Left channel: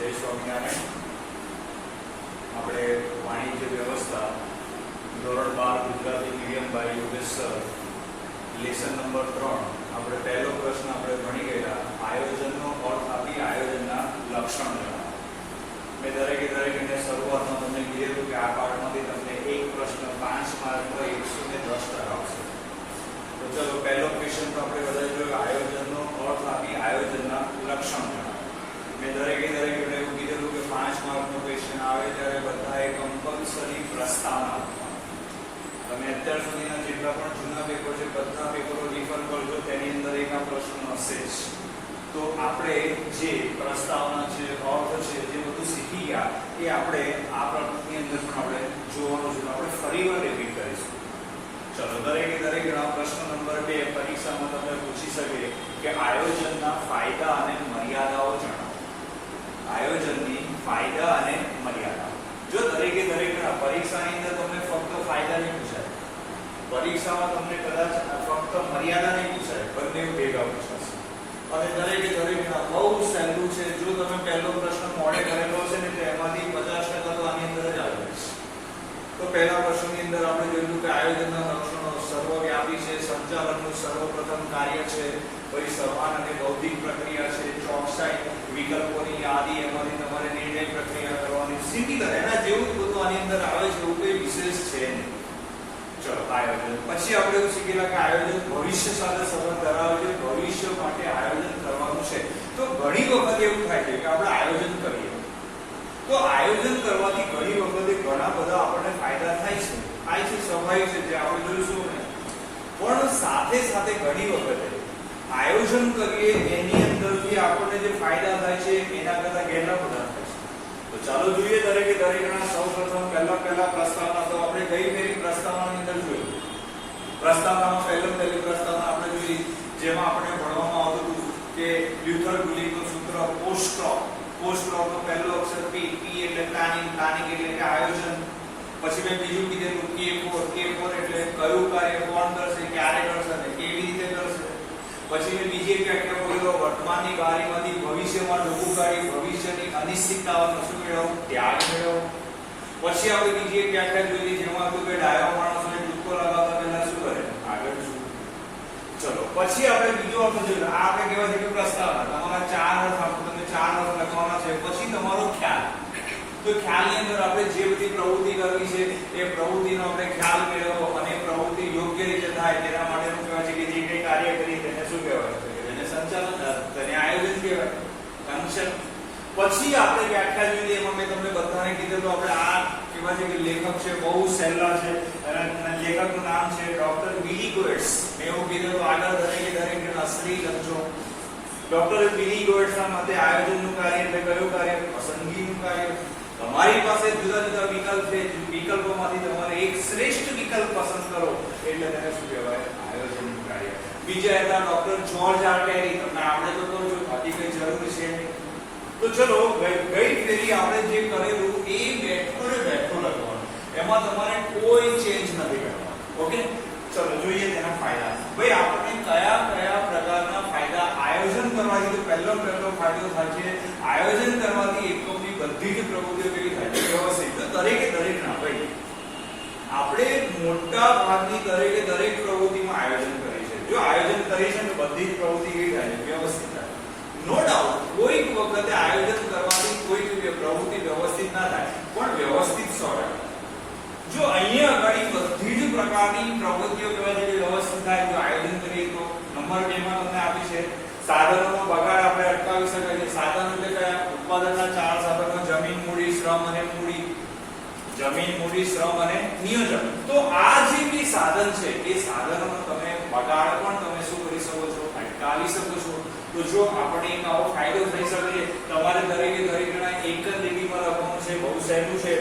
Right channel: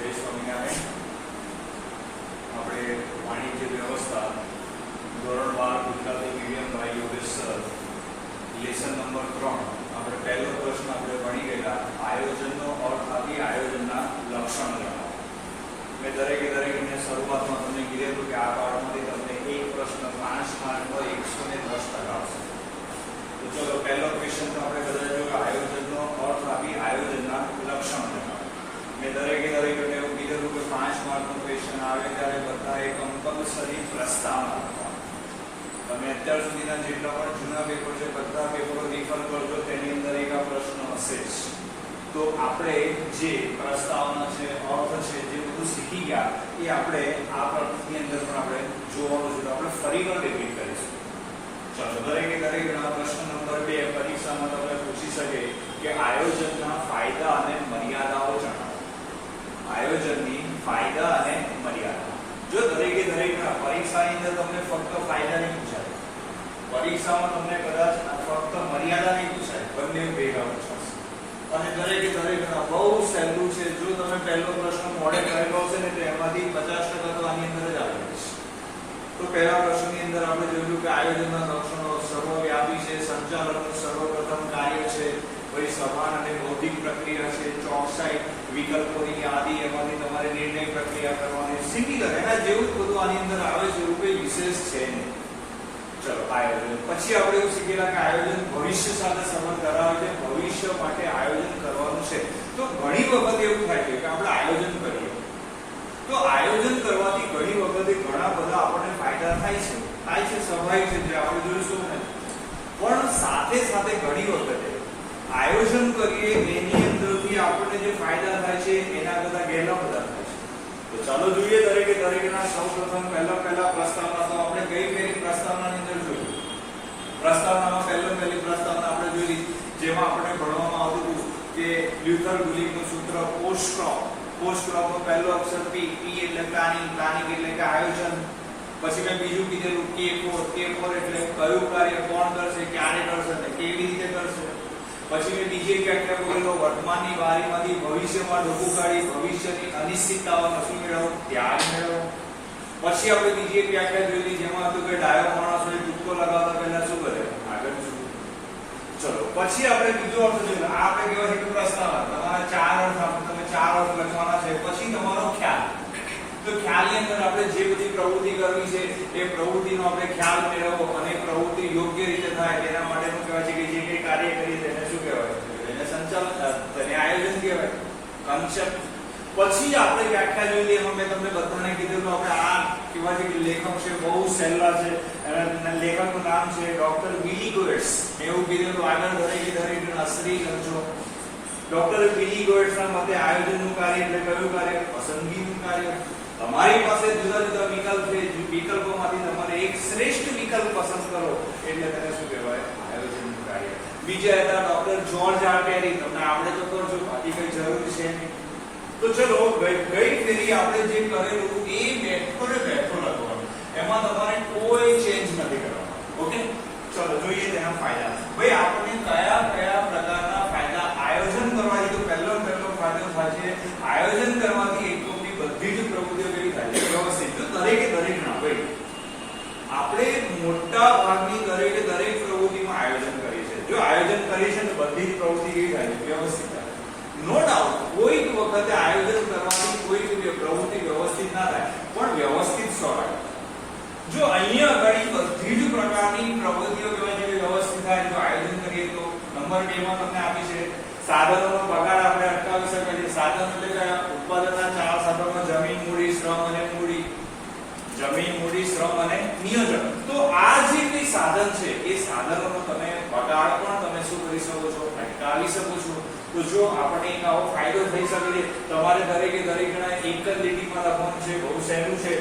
જય સ્વામિનારાયણ. આપણે વાણિજ્ય વ્યવસ્થા ધોરણ 12 Gujarati medium by Yogesh sir, lesson number 3. આપણે પહેલો પ્રશ્ન આપણે ભણી ગયેલા આયોજનનો અર્થ આપી આયોજનના લક્ષણ જણાવો. મેં દરેકને શરૂઆતમાં તમને કીધું કે આ પાઠમાંથી તમને એક પ્રશ્ન 5 માર્કનો 110% આવશે. તો ચલો પહેલો ક્વેશ્ચન તો આપણે બધા જોયું, આયોજનનો અર્થ આપી આયોજનના લક્ષણ જણાવો. મેં દરેકને એવું કીધું કે 5 માર્કનો ક્વેશ્ચન આવે ત્યારે બધાએ કમ્પલસરી પ્રસ્તાવના આપવાનો. તમે અત્યાર સુધીના જેટલા પણ જૂના પેપર છે બધા પેપરો રિફર કરજો, તેની અંદર એક આ પ્રશ્ન હશે જ. તો આપણે જે પ્રસ્તાવના છે, અર્થ છે, જે બધું શીખી ગયા એ આપણે આ પ્રકૃતિની અંદર પણ આપણે જોવાનું છે. તો આપણે ફરીવાર રિપીટ કરીશું. ચલો દરેક પ્રશ્ન નંબર 2 પરીક્ષામાં તમે પૂછી શકે કે આયોજનના ફાયદા અને મર્યાદાઓ જણાવો. આયોજનની ફાયદા અને મર્યાદા. જો દરેકે પરીક્ષાની અંદર તમને ફક્ત ફાયદા નહીં પૂછાય, પરીક્ષામાં તમને કદાચ ફક્ત મર્યાદા નહીં પૂછાય, બંને ભેગા પૂછાશે. અને દરેક બહુ સહેલું છે. જો તમે પહેલો પ્રશ્ન મોડે કરેલો છે ને તો એમાંથી 50% તો આની અંદર જ આવી જશે. તો પહેલા પ્રશ્નની અંદર આપણે જોયું કે આયોજનના લક્ષણો સર્વવ્યાપી છે, સંચાલનનું સર્વપ્રથમ કાર્ય છે, પછી સમાન અને બૌદ્ધિક પ્રક્રિયા છે, ચોકસાઈ, વિકલ્પોની યાદી, એમાંથી તમારે નિર્ણય પ્રક્રિયા કરવાની, સિમિલર એના જેવું જ બધું આની અંદર આવે છે, એવું કોઈ વિશેષ છે નહીં. ચલો આયોજન પછી આપણે એવું શીખેલા કે આયોજન ભવિષ્ય સાથે સંબંધ ધરાવે છે, ભવિષ્ય માટે આયોજન કરવાનું છે. તો ઘણી વખત એવું થાય છે કે આપણે આયોજન કરીએ તો આયોજન કરવાથી ઘણી વખતે ઘણા બધા આપણને ફાયદા થાય છે, સ્વાભાવિક છે, જે આપણે જોઈશું ને. પણ સાથે સાથે ઘણી વખતે આયોજન કરીએ એની અંદરથી આપણને જે ફાયદા થાય છે એના કરતા ગેરલાભ બધા થાય છે. તો ચાલો જોઈએ દરેકના સૌપ્રથમ પહેલા પ્રસ્તાવના. તો આપણે કઈ પ્રસ્તાવનાની અંદર જોયું? પ્રસ્તાવનામાં પહેલી પ્રસ્તાવના આપણે જોઈ, જેમાં આપણે ભણવામાં આવતું હતું કે લ્યુથર ગુલિનનું સૂત્ર પોસ્ટ-ક્રોપનો પહેલો અક્ષર P એટલે પ્લાનિંગ એટલે કે આયોજન. પછી મેં બીજું કીધેલું K4 એટલે કયું કાર્ય કોણ કરશે, ક્યારે કરશે અને કેવી રીતે કરશે. પછી મેં બીજી એક વ્યાખ્યા બોલેલો વર્તમાનની બારીમાંથી ભવિષ્યમાં ડોકું કાઢી ભવિષ્યની અનિશ્ચિતતાઓનો શું મેળવવું, ત્યાગ મેળવવો. પછી આપણે બીજી એક વ્યાખ્યા જોઈ જેમાં હતું કે ડાયો માણસોને ટૂચકો લગાવતા પહેલા શું કરે, આગળ શું. ચલો પછી આપણે બીજો અર્થ જોયું. આ આપણે કહેવાય છે કે પ્રસ્તાવના. તમારા 4 અર્થ આપો, તમે 4 અર્થ લખવાના છે. પછી તમારો ખ્યાલ. તો ખ્યાલની અંદર આપણે જે બધી પ્રવૃત્તિ કરવી છે એ પ્રવૃત્તિનો આપણે ખ્યાલ મેળવવો અને પ્રવૃત્તિ યોગ્ય રીતે થાય તેના માટેનું કહેવાય છે કે જે કંઈ કાર્ય કરીએ તેને શું કહેવાય, તેને સંચાલન, તેને આયોજન કહેવાય, કન્સેપ્ટ. પછી આપણે વ્યાખ્યા જોઈ લઈએ. એમાં મેં તમને બધાને કીધું તો આપણે આ કહેવાય છે કે લેખક છે, બહુ સહેલા છે. અને લેખકનું નામ છે ડોક્ટર વિલી ગોએટ્સ. મેં એવું કીધું આગળ દરેક અસરી લખજો. ડોક્ટર વિલી ગોએટ્સના મતે આયોજનનું કાર્ય એટલે કયું કાર્ય, પસંદગીનું કાર્ય. તમારી પાસે જુદા જુદા વિકલ્પ છે, વિકલ્પોમાંથી તમારે એક શ્રેષ્ઠ વિકલ્પ પસંદ કરો એટલે તેને શું કહેવાય, આયોજનનું કાર્ય. બીજા હતા ડોક્ટર જ્યોર્જ આર ટેરી. તમને આપણે તો કહું છું, બાકી કઈ જરૂર છે નહીં. તો ચલો ગઈ ફેરી આપણે જે કરેલું એ મેથડ લખવાનું, એમાં તમારે કોઈ ચેન્જ નથી કરવાનો. ઓકે, ચલો જોઈએ તેના ફાયદા. ભાઈ આપણને કયા પ્રકારના ફાયદા આયોજન કરવાથી. તો પહેલો ફાયદો થાય છે આયોજન કરવાથી એકમની બધી જ પ્રવૃત્તિઓ કેવી થાય છે, વ્યવસ્થિત. તો દરેક ના ભાઈ આપણે મોટા ભાગની દરેક પ્રવૃત્તિમાં આયોજન કરીએ છીએ. જો આયોજન કરીએ છીએ તો બધી જ પ્રવૃત્તિ કેવી થાય છે, વ્યવસ્થિત થાય. નો ડાઉટ કોઈક વખતે આયોજન કરવાથી કોઈક પ્રવૃત્તિ વ્યવસ્થિત ના થાય, પણ વ્યવસ્થિત 100%. જો અહીંયા આગળ બધી જ પ્રકારની પ્રવૃત્તિઓ વ્યવસ્થિત થાય જો આયોજન કરીએ તો. નંબર 2 માં તમને આપી છે સાધનોનો બગાડ આપણે અટકાવી શકાય છે. સાધન એટલે કયા, ઉત્પાદનના 4 સાધનો જમીન, મૂડી, શ્રમ અને મૂડી. જમીન, મૂડી, શ્રમ અને નિયોજન. તો આ જે બી સાધન છે એ સાધનોનો તમે બગાડ પણ તમે શું કરી શકો છો, અટકાવી શકો છો. તો જો આપણે એક આવો ફાયદો થઈ શકે છે, તમારે દરેકના એક જ લીટીમાં લખવાનું છે, બહુ સહેલું છે.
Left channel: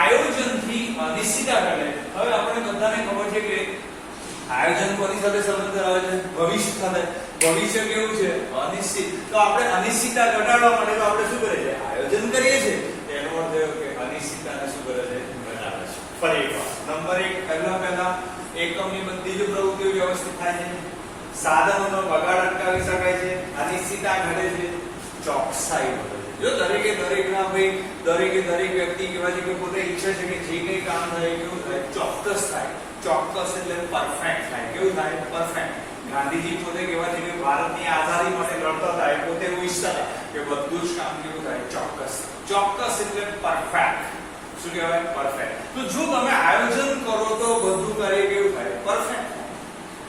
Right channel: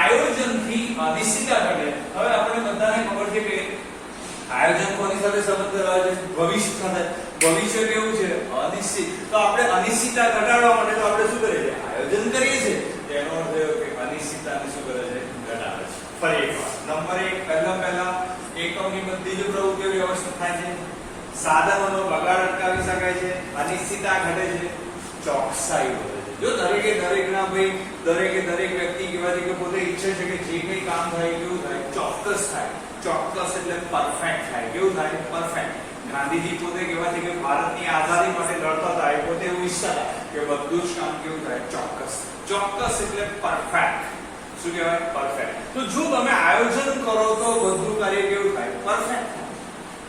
આયોજનથી અનિશ્ચિતતા ઘટે. હવે આપણે બધાને ખબર છે કે આયોજન કોની સાથે સંબંધ ધરાવે છે, ભવિષ્ય સાથે. ભવિષ્ય કેવું છે, અનિશ્ચિત. તો આપણે અનિશ્ચિતતા ઘટાડવા માટે તો આપણે શું કરીએ છીએ, આયોજન કરીએ છીએ. તેનો અર્થ એ કે અનિશ્ચિતતાને શું કરે છે, ઘટાડે છે. ફરી એકવાર નંબર 1 પહેલા એકમની બધી જ પ્રવૃત્તિઓ વ્યવસ્થિત થાય છે, સાધનોનો બગાડ અટકાવી શકાય છે, અનિશ્ચિતતા ઘટે છે, ચોકસાઈ વધે છે. જો દરેકના ભાઈ દરેક વ્યક્તિ કહેવાય છે કે પોતે ઈચ્છે છે કે જે કંઈ કામ થાય કેવું થાય, ચોક્કસ થાય. ચોક્કસ એટલે પરફેક્ટ થાય. કેવું થાય? પરફેક્ટ. ગાંધીજી પોતે કહેવાય છે કે ભારતની આઝાદી માટે લડતા હતા, એ પોતે એવું ઈચ્છતા હતા કે બધું જ કામ કેવું થાય? ચોક્કસ. ચોક્કસ એટલે પરફેક્ટ. શું કહેવાય? પરફેક્ટ. તો જો તમે આયોજન કરો તો બધું કાર્ય કેવું થાય? પરફેક્ટ.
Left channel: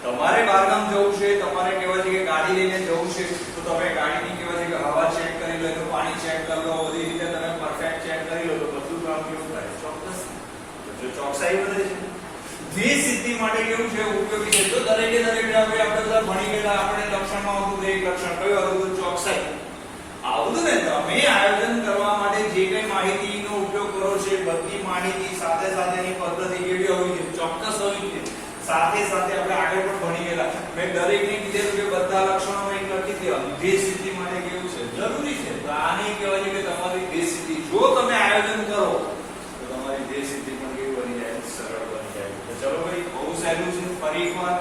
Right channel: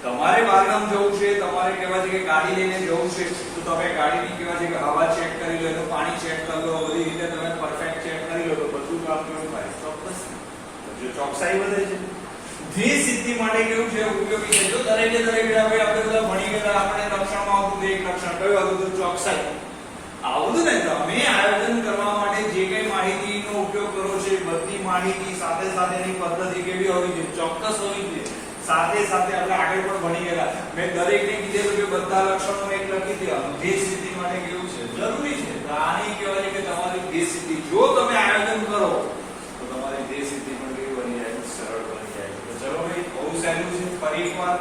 તમારે બહારગામ જવું છે, તમારે કહેવાય છે કે ગાડી લઈને જવું છે, તો તમે ગાડીની કહેવાય છે કે હવા ચેક કરી લો, તો પાણી ચેક કરી લો, બધી રીતે તમે પરફેક્ટ ચેક કરી લો, તો બધું કામ કેવું થાય? ચોક્કસ. જો ચોકસાઈ વધે છે, જે સિદ્ધિ માટે કેવું છે? ઉપયોગી છે. તો દરેકે આપણે બધા ભણી ગયેલા, આપણે લક્ષણમાં આવતું એક લક્ષણ કયું હતું? ચોકસાઈ. આવું ને તમે આયોજન કરવા માટે જે કઈ માહિતીનો ઉપયોગ કરો છો, બધી માહિતી સાથે સાથેની પદ્ધતિ કેવી હોવી જોઈએ? ચોક્કસ હોવી જોઈએ. સાથે આપણે આગળ પણ ભણી ગયેલા, મેં દરેકને કીધેલું કે બધા લક્ષણો એક લખી દે. ધ્યેય સિદ્ધિ માટે કેવું છે? જરૂરી છે. તો આની કહેવાય છે કે તમારી ધ્યેય સિદ્ધિ, જો તમે આયોજન કરો તો તમારી ધ્યેય સિદ્ધિ પણ કેવી બની જાય? સરળ બની જાય. તો ચલો ભાઈ, બહુ સહેલું છે. ફરી એકવાર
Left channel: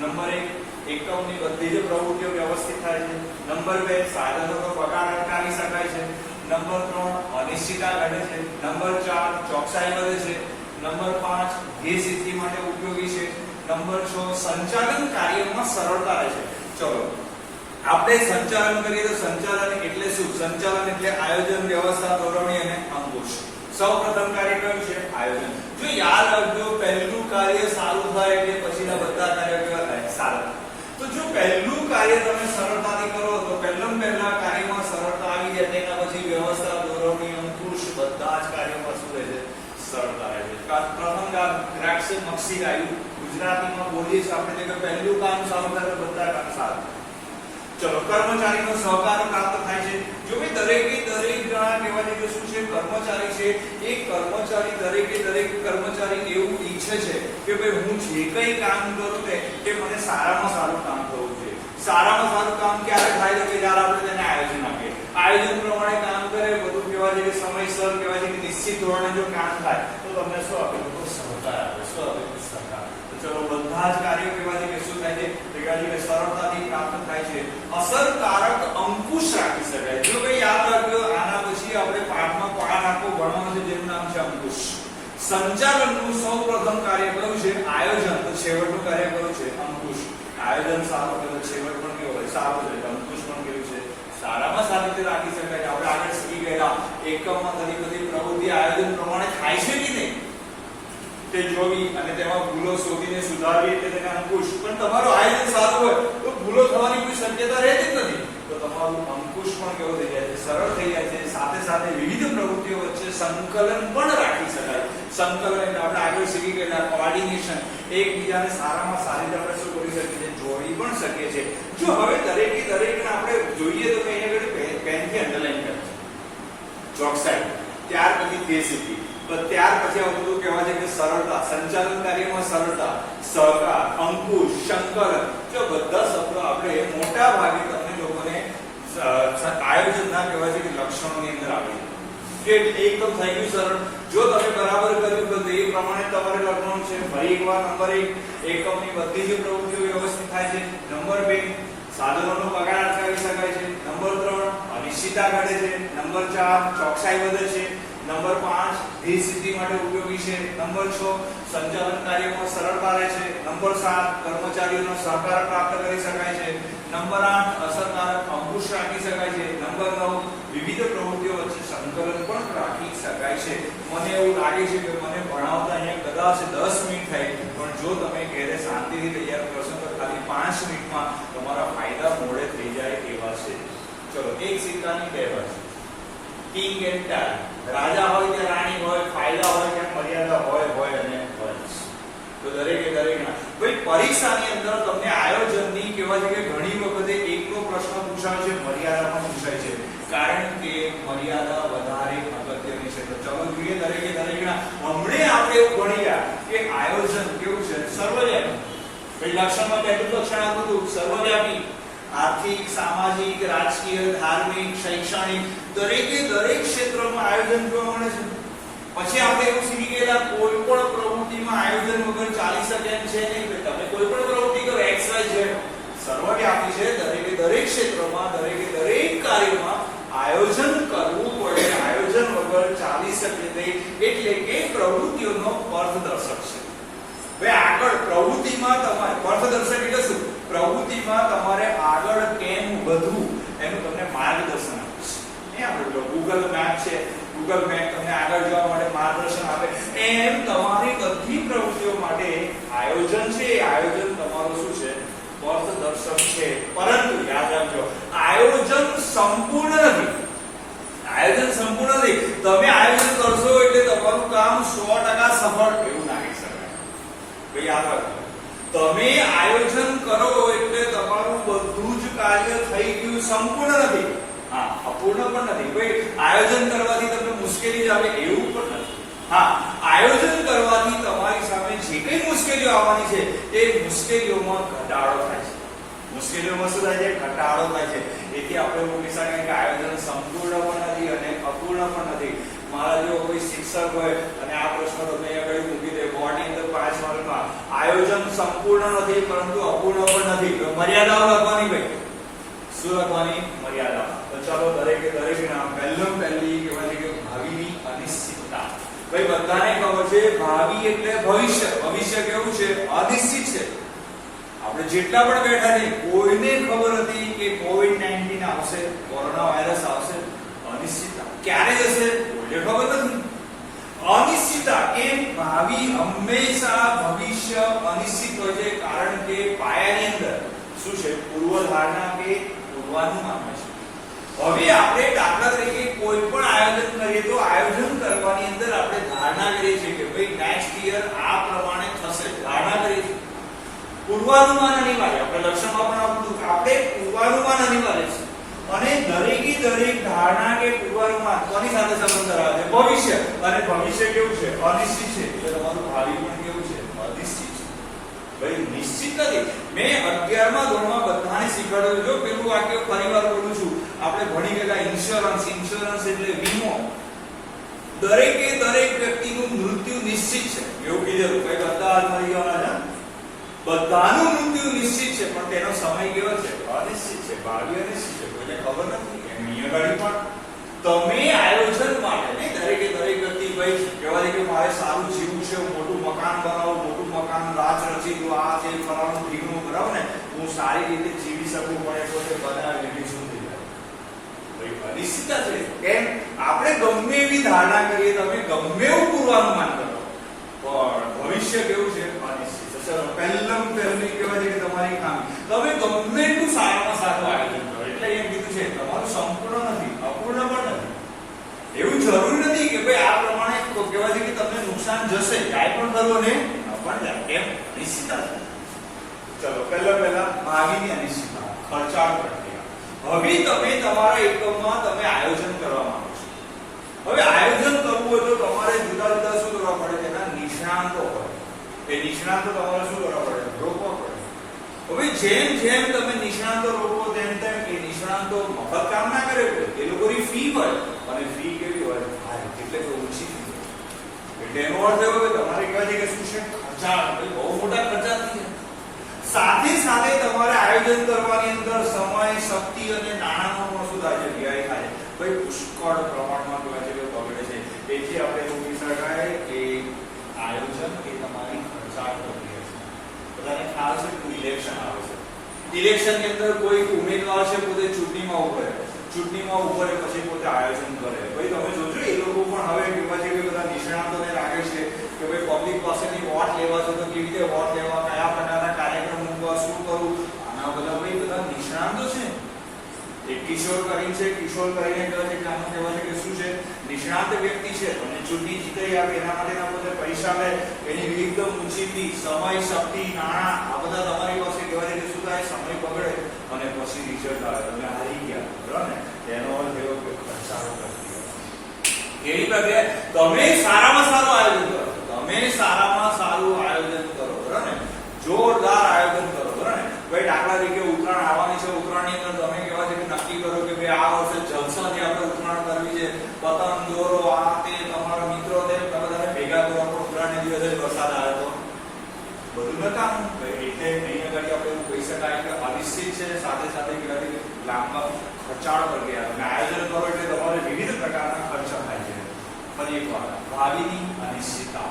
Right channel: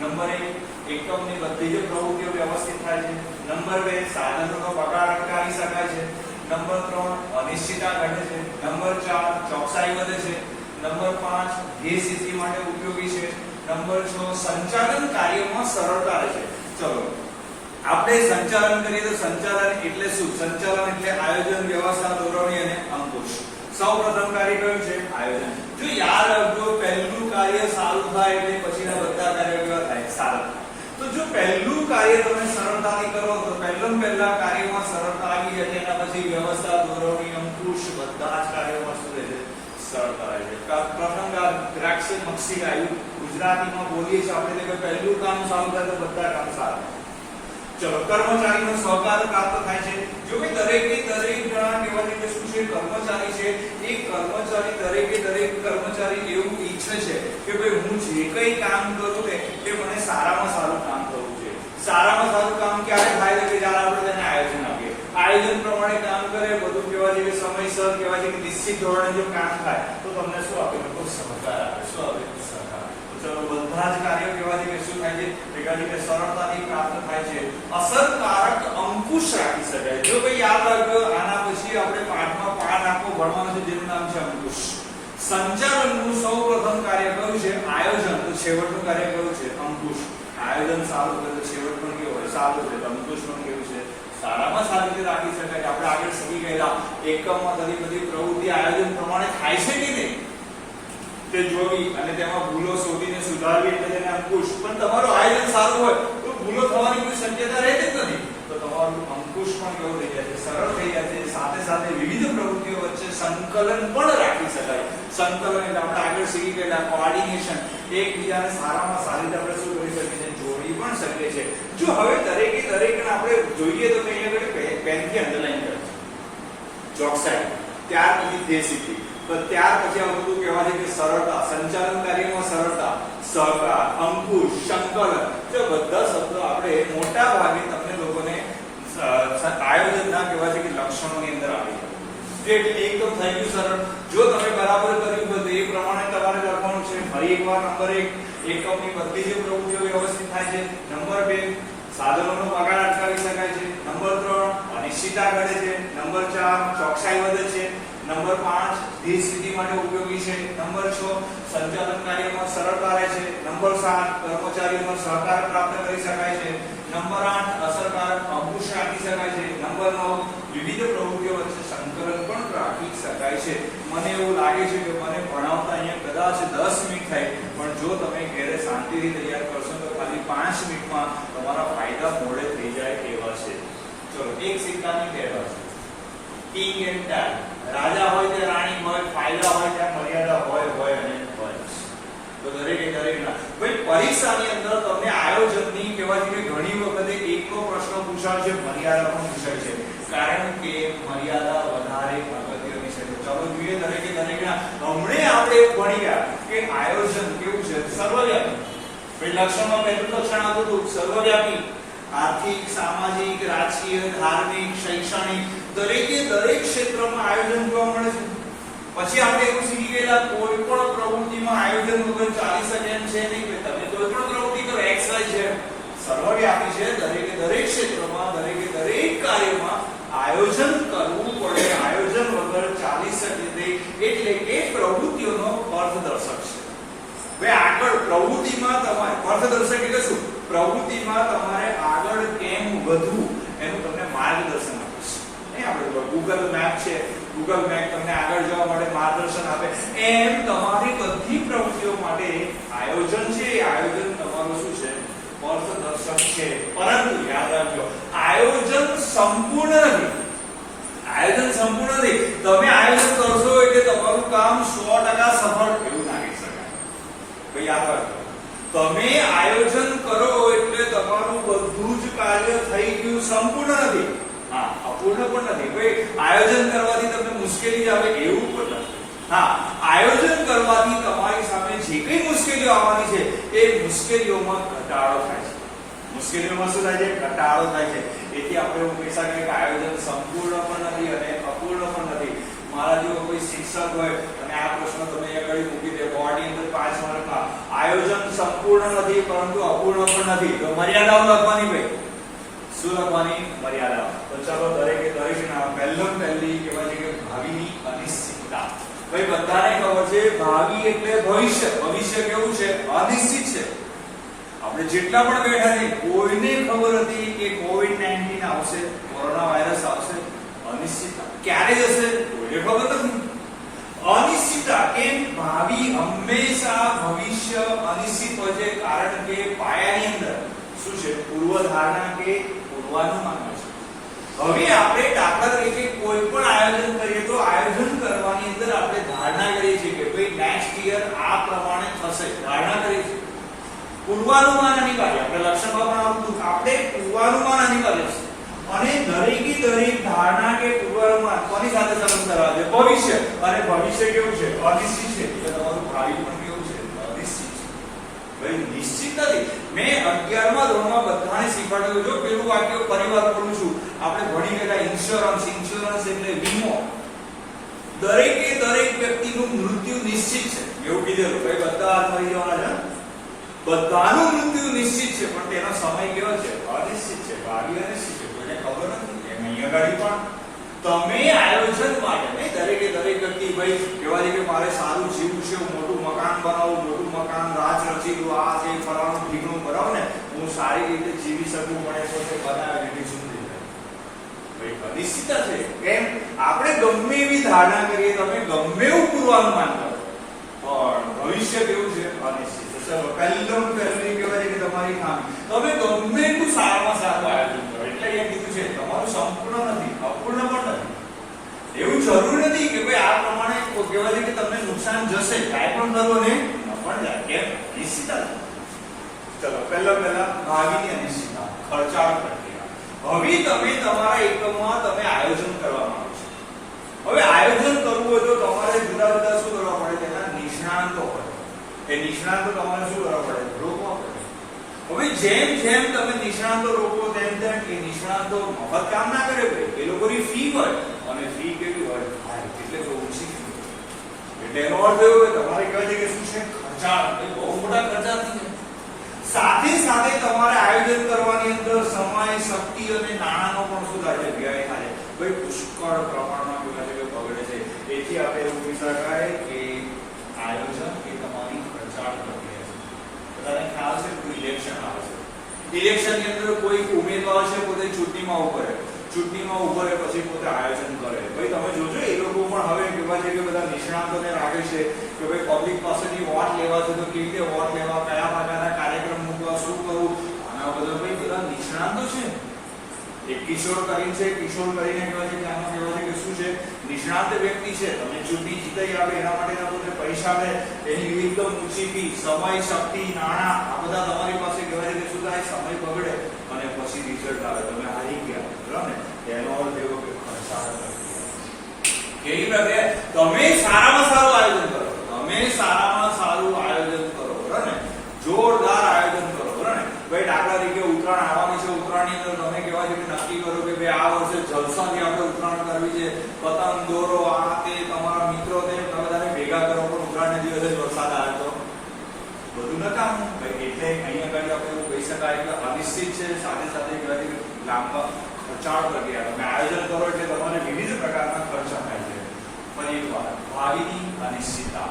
નંબર 1, એકમની બધી જ પ્રવૃત્તિઓ વ્યવસ્થિત થાય છે. નંબર 2, સાધનોનો બગાડ અટકાવી શકાય છે. નંબર 3, અનિશ્ચિતતા ઘટે છે. નંબર 4, ચોકસાઈ વધે છે. નંબર 5, ધ્યેય સિદ્ધિ માટે ઉપયોગી છે. નંબર 6, સંચાલન કાર્યમાં સરળતા રહે છે. ચલો આપણે સંચાલન કરીએ તો સંચાલન એટલે શું? સંચાલન એટલે આયોજન, વ્યવસ્થા, દોરવણી અને અંકુશ. સૌપ્રથમ કાર્ય કયું છે? આયોજન. જો યાદ રાખજો, પહેલું કાર્ય સારું થાય એટલે પછીના બધા કાર્યો કેવા થાય? સારા. તો જો પહેલું કાર્ય તમે સરળતાથી કરો તો પહેલા કાર્યમાં સરળતા આવી જાય, તેના પછી વ્યવસ્થા, દોરવણી, અંકુશ બધા જ કાર્યોમાં શું રહે છે? સરળતા રહે છે. પ્રથમ દ્રાક્ષ મક્ષી ગાયું, ગુજરાતીમાં બોલીએ છીએ આપણે કે પહેલું કામ સારું થાય તો બધા કામ સારા. ચલો, કર્મચારીનો સહકાર પ્રાપ્ત થાય છે. જો કે દરેક જણા કહેવાય છે કે શું છે? કર્મચારી છે. એ કર્મચારી દરેક કર્મચારી એવું ઈચ્છે છે કે ભાઈ હું જે કંઈ કામ કરું તે મને સારામાં સારું કામ કરવું છે. સારામાં સારું કામ ક્યારે થાય છે? જ્યારે આપણે તેને આયોજન આપીએ. આયોજન પ્રમાણે કામ કરે, બધું કહેવાય છે કે સમયસર, કહેવાય છે કે નિશ્ચિત ધોરણે જો કામ થાય તો તમને શું આપે? સહકાર આપે. શું આપે? સહકાર. ચલો, બધા જ કાર્યો કહેવાય છે કે શું થાય છે? કહેવાય છે કે સરળતાથી પ્રાપ્ત થાય છે. અસરકારક અંકુશ રાખી શકાય. જો ભાઈ યાદ રાખજો, આના પછી આપણે પાઠમાં પાઠ આખો ભણવાનો છે જેનું નામ છે અંકુશ. સંચાલનનું સૌપ્રથમ કાર્ય કયું છે? આયોજન. તો છેવટનું કાર્ય કયું છે? અંકુશ. આયોજન સારું હોય તો છેવટ પણ કેવું હોય? સારું છે. અંકુશ પણ કેવું છે? સારામાં સારી રીતે રાખી શકાય. આપણે આગળ શીખી ગયેલા એકમમાં ઘણી બધી પ્રવૃત્તિ આયોજન પ્રમાણે થાય છે કે નહીં તે જોવી અને તેમાં ભૂલો શોધીને સુધારવી, એટલે તેને અંકુશ. પણ તમારું આયોજન સારું હોય તો ભૂલો થવાની કોઈ શક્યતા રહેતી જ નથી. તો તમારું અંકુશ પણ કેવું થઈ જાય છે? સરળ થઈ જાય છે. સાથે વિવિધ પ્રવૃત્તિઓ વચ્ચે સંકલન પણ રાખી શકાય. સંકલન એટલે આપણે આગળ શીખી ગયેલા કોઓર્ડિનેશન, એકબીજાને સારામાં સારી રીતે આપણે શું કરી શકીએ છીએ? જોડી પણ શકીએ છીએ. જો હવે દરેકને આપણે જોઈએ તો કઈ આગળ પેનથી અંડરલાઈન કરજો. ચોકસાઈ, ત્યાર પછી ધ્યેય સિદ્ધિ, તો ત્યાર પછી આ બધું કહેવાય છે કે સરળતા, સંચાલન કાર્યમાં સરળતા, સહકાર, અંકુશ, સંકલન. જો બધા શબ્દો આપણે મોટા ભાગે તમને લોકોને આયોજનના કહેવાય છે કે લક્ષણોની અંદર આવી એકદમ થઈ ગયું સરળ. જો તમે બરાબર કર્યું બધું એ પ્રમાણે તમારે લખવાનું છે. ફરી એકવાર નંબર 1, એકમની બધી જ પ્રવૃત્તિઓ વ્યવસ્થિત થાય છે. નંબર 2, સાધનોનો બગાડ અટકાવી શકાય છે. નંબર 3, અનિશ્ચિતતા ઘટે છે. નંબર 4, ચોકસાઈ વધે છે. નંબર 5, ધ્યેય સિદ્ધિ માટે ઉપયોગી છે. નંબર 6, સંચાલન કાર્યમાં સરળતા રહે છે. નંબર 7, કર્મચારીઓનો સહકાર પ્રાપ્ત કરી શકાય છે. નંબર 8, અસરકારક અંકુશ રાખી શકાય છે. નંબર 9, વિવિધ પ્રવૃત્તિઓ વચ્ચે સંકલન પણ રાખી શકાય છે. મને એવું લાગે છે કે મને ભણાવતા અહીંયા કદાચ 10 મિનિટ થાય, પણ જો તમે ઘરે શાંતિથી તૈયાર કરશો તો ખાલી 5 મિનિટમાં તમારા ફાયદા મોડે થઈ જાય એવા છે. ચલો, એક સિક્કાની બે બાજુ. King and tell. રાજા હોય તે રાણી હોય, ફાયદા હોય ત્યાં મર્યાદા હોય અને હોય. તો દરેકના ભાઈ પરીક્ષાની અંદર તમને આયોજનની કહેવાય છે કે ઘણી વખતે એકનો પ્રશ્ન પૂછાય છે, મર્યાદા પણ પૂછાય છે, કારણ કે મર્યાદા વધારે અગત્યની છે. તો ચાલો જોઈએ દરેકના. હમણે આપણે એવું ભણી ગયા કે આયોજન કેવું છે? સર્વવ્યાપી. ભાઈ લક્ષણમાં પહેલું લક્ષણ આપું હતું સર્વવ્યાપી. આર્થિક, સામાજિક, રાજકીય, ધાર્મિક, શૈક્ષણિક દરેક ક્ષેત્રમાં આયોજન જોવા મળે છે. પછી આપણે એવું શીખી ગયેલા કોઈ પણ પ્રવૃત્તિમાં આયોજન વગર ચાલી શકે એમ છે નહીં. તમે કોઈ પણ પ્રવૃત્તિ કરો XY Z સર્વવ્યાપી છે. દરેક ક્ષેત્રમાં દરેક કાર્યમાં આયોજન કરવું એટલે કે પ્રવૃત્તિઓનો અર્થદર્શક છે. હવે આગળ પ્રવૃત્તિમાં તમારે અર્થદર્શક એટલે શું? પ્રવૃત્તિમાં તમારે આગળ કેમ વધવું એનું તમને માર્ગદર્શન આપે છે. એ આપણે ગૂગલ મેપ છે, ગૂગલ મેપ તમને આગળ જવા માટે માર્ગદર્શન આપે. એમ તમારી બધી પ્રવૃત્તિઓ માટે આયોજન છે. એ આયોજન તમારું શું છે? અર્થદર્શક છે. પરંતુ યાદ રાખજો, આયોજન સંપૂર્ણ નથી. આયોજન સંપૂર્ણ નથી. તમે આયોજન કરશો એટલે તમારું કામ 100% સફળ એવું ના કહી શકાય. ભાઈ યાદ રાખજો, તમે આયોજન કરો એટલે તમારું બધું જ કાર્ય થઈ ગયું સંપૂર્ણ નથી. હા, અપૂર્ણ પણ નથી. ભાઈ આયોજન કરવાથી તમને મુશ્કેલી જ આવે એવું પણ નથી. હા, આયોજન કરવાથી તમારી સામે જે કઈ મુશ્કેલીઓ આવવાની છે એ મુશ્કેલીઓમાં ઘટાડો થાય છે. મુશ્કેલીઓમાં શું થાય છે? ઘટાડો થાય છે. એથી આપણે એવું કહી શકીએ કે આયોજન સંપૂર્ણ પણ નથી અને અપૂર્ણ પણ નથી. મારા જેવો કોઈ શિક્ષક હોય અને આ પ્રશ્ન તમને આગળ મૂકી દે બોર્ડની અંદર 5 માર્કમાં, આયોજન સંપૂર્ણ નથી પરંતુ અપૂર્ણ પણ નથી, તો મર્યાદાઓ લખવાની. ભાઈ શું લખવાની? મર્યાદા. તો ચાલો દરેકે દરેકના પહેલી કહેવાય છે કે ભાવિની અનિશ્ચિતતા. ભાઈ બધાને ખબર છે ભાવિ એટલે ભવિષ્ય. ભવિષ્ય કેવું છે? અનિશ્ચિત છે. આપણે જેટલા પણ બેઠા છે કોઈને ખબર હતી કે કોવિડ-19 આવશે, કોરોના વાયરસ આવશે? અનિશ્ચિતતા. ક્યારે જશે? કોઈને ખબર નથી. અનિશ્ચિતતા. કેમ? ભાવિ હંમેશા ભવિષ્ય અનિશ્ચિત હોય છે, કારણ કે પાયાની અંદર શું છે? પૂર્વધારણા કે પૂર્વાનુમાન હોય છે. હવે આપણે દાખલા તરીકે કોઈ પણ આયોજન કરીએ તો આયોજન કરવાની અંદર આપણે ધારણા કરીએ છીએ કે ભાઈ નેક્સ્ટ યર આ પ્રમાણે થશે, ધારણા કરીએ છીએ. પૂર્વાનુમાન અનિવાર્ય. આપણે લક્ષણમાં પણ આવતું આપણે પૂર્વાનુમાન અનિવાર્ય છે. અને દરેક ધારણા કે પૂર્વાનુમાન કોની સાથે સંબંધ ધરાવે છે? ભવિષ્ય. અને ભવિષ્ય કેવું છે? અનિશ્ચિત છે. એટલે તમારું ભાવિ પણ કેવું છે? અનિશ્ચિત છે. ભાઈ નિશ્ચિત નથી. મેં 11મા ધોરણમાં બધાને શીખવાડ્યું. જો પેલું વાક્ય ફરીવાર બોલું છું, આપણે ભણી ગયેલા ઇન્સ્યોરન્સ. ઇન્સ્યોરન્સ એટલે વીમો. દરેક વ્યક્તિનું મૃત્યુ નિશ્ચિત છે એવું કીધેલું. ભાઈ બધા મરી જવાના છે, બધાનું મૃત્યુ નિશ્ચિત છે, પણ તેનો સમય કેવો છે? અનિશ્ચિત છે. ભાવિ અનિશ્ચિત છે. કોઈને ખબર નથી. એમ અહીંયા ગાડી પણ તમે આયોજન માટે નહીં, દરેક વ્યક્તિ ભાઈ કહેવાય છે કે મારે સારું જીવવું છે, હું મોટું મકાન બનાવું, મોટું મકાન રાજ રચી દઉં, આ તે ફરવાનું ઠીકણું બનાવું ને, હું સારી રીતે જીવી શકું, પડે તો તે બનાવે લીધી શું થઈ જાય? ભાઈ અનિશ્ચિતતા છે. કેમ? આપણે ગમે એવી ધારણા કરીએ, તમે ગમે એવું પૂર્વાનુમાન કરો, પણ ભવિષ્ય કેવું છે? અનિશ્ચિત. ચલો પહેલી કહેવાય છે કે તમારી ખામી. તમે ગમે એટલું સારામાં સારું આયોજન કરો, એટલે અહીંયા કીધું છે તમારું સંપૂર્ણ નથી, અપૂર્ણ પણ નથી. એવું જરૂરી નથી કે ભાઈ આ પ્રમાણે કહેવાય છે કે તમને નુકસાન જશે, કાંઈ પણ કરો ને પણ જાય. કેમ? નિશ્ચિતતા. ચલો પહેલા ભાવિની અનિશ્ચિતતા, ખર્ચાળ પ્રક્રિયા. હવે તમે તમારા એકમમાં તમે આયોજન કરવા માંગો છો. હવે આયોજન કરવું હોય તો તમારે જુદા શું કરવા પડે? તેના નિષ્ણાંતો હોય. એ નિષ્ણાંતો તમારે શું કરવા પડે? રોકવા પડે. હવે જેમ તમે નિષ્ણાંતો રોકો તેમ એ નિષ્ણાંતો મફત કામ ના કરે. એ લોકોની ફી હોય, અને ફી કેવી હોય? એટલે કે ઓછી ફી. એટલે એનો અર્થ એવો કે તમારે કહેવાય છે કે શું છે? ખર્ચાળ. બહુ મોટા ખર્ચા નથી. સાથે તમારે આયોજન કરવાની અંદર સમય, શક્તિ અને નાણાંનો પણ શું થાય છે? વ્યય થાય. ભાઈ પુષ્કળ પ્રમાણમાં કહેવાય છે કે બગડે છે. તેથી આપણે એવું કહી શકાય કે આયોજન એ તમારી ખર્ચાળ પ્રક્રિયા છે. બધાને ખ્યાલ છે કે ઇલેક્શન આવે છે. ઇલેક્શનની અંદર કોઈ ઉમેદવાર છે પોતે ચૂંટણીમાં ઉભો રહે, પછી પોતે આયોજન કરે. ભાઈ તમે જોજો એ લોકો પણ હવે કહેવાય છે કે બધા નિષ્ણાંતોને રાખે છે કે ભાઈ પબ્લિક પાસેથી વોટ લેવા છે તો કેવી રીતે વોટ લેવા, કયા પ્રકારના કાર્યક્રમ મૂકવા, શું કરવું, આના બધા નિષ્ણાંતો છે. એક કિશોર કરીને કહેવાય છે કે આનું કહેવાય છે કે શું છે? નિષ્ણાંત વ્યક્તિ છે. તમને ચૂંટણી જીતાઈ આવે એના માટેના પોતે પૈસા લે, એની એકદમ ઊંચી ફી, સમય, શક્તિ, નાણાં આ બધા તમારી પાસે કહેવાય છે કે શું થાય? સમય બગડે અને પછી રિઝલ્ટ આવે, તમે હારી ગયા. બરાબર ને? તેનો અર્થ એવો કે ખર્ચાળ પ્રક્રિયા. કેવી પ્રક્રિયા? તમે સારામાં સારું આયોજન કરો. બરાબર ને? જોરદાર આયોજન કરો. બરાબર ને? ભાઈ દાખલા તરીકે ઉત્તરાયણ આવવાની છે. ઉત્તરાયણની અંદર તમે કહેવાય છે કે નક્કી કરો કે ભાઈ આ વર્ષે જલસાથી આપણે ઉત્તરાયણ કરવી છે, પતંગ દોરો, આ તે તમારા મિત્રો બધાને ભેગા કરો, પણ ઉત્તરાયણના દિવસે વરસાદ આવે તો બધું નકામું. એટલે અહીંયા આગળ આપણે એવું કહી શકાય કે અનિશ્ચિત છે, સાથે કહેવાય છે કે લાંબા ખર્ચાળ પ્રક્રિયા. તમે આયોજન કરો એટલે તમારે વિવિધ પ્રકારના ખર્ચા થાય છે. ફરી એકવાર ભાવિની અનિશ્ચિતતા.